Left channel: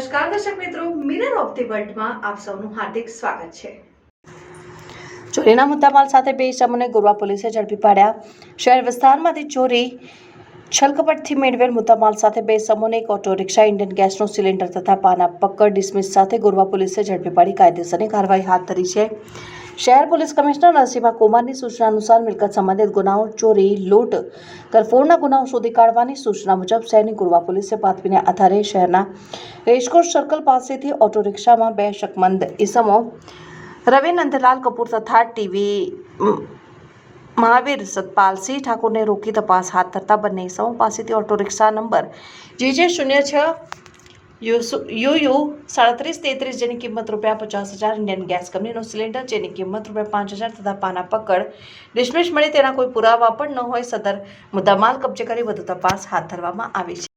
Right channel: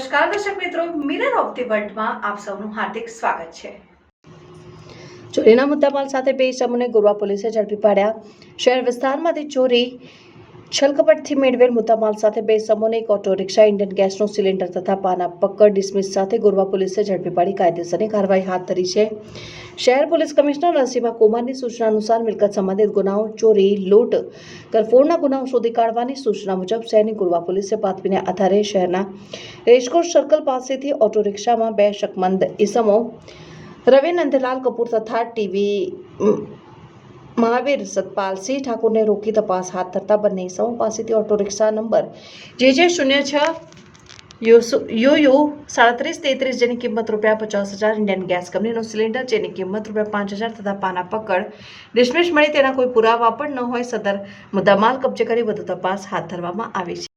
નમસ્કાર દર્શક મિત્રો, મિરર ઓફ ધી વર્લ્ડમાં આપ સૌનું હાર્દિક સ્વાગત છે। ચોરીના મુદ્દામાલ સાથે બે ઇસમોને ગોરવા પોલીસે ઝડપી પાડ્યા। શહેર વિસ્તારમાંથી ચોરી છલકપટથી મેળવેલ મુદ્દામાલ સાથે બે ઇસમોને એક ઓટો રિક્ષા, ઇન્ડિયન ગેસનો સિલિન્ડર તથા પાના પકડ ડિસમિસ સાથે ગોરવા પોલીસે ઝડપી પાડી કાયદેસરની કાર્યવાહી હાથ ધરી છે। શહેર પોલીસ કમિશનર નરસિંહા કુમારની સૂચના અનુસાર મિલકત સંબંધિત ગુનાઓ, ચોરી, લૂંટ, કરફોડના ગુનાઓ શોધી કાઢવાની સૂચના મુજબ શહેરની ગોરવા પોલીસે બાતમીને આધારે શહેરના રેસકોર્સ સર્કલ પાસેથી ઓટો રિક્ષામાં બે શકમંદ ઇસમો રવિ નંદલાલ કપૂર તથા ટીવી મહાવીર સતપાલસિંહ ઠાકુરને રોકી તપાસ હાથ ધરતા બંને ઇસમો પાસેથી auto rickshaw number JJ06 UU 3733 જેની કિંમત ₹50,000, ઇન્ડિયન ગેસ કંપનીનો સિલિન્ડર જેની કિંમત ₹5,000 તથા પાના પકડ ડિસમિસ મળી તેના કોઈ પુરાવા પણ ન હોય સદર મુદ્દામાલ કબજે કરી વધુ તપાસ હાથ ધરવામાં આવી છે।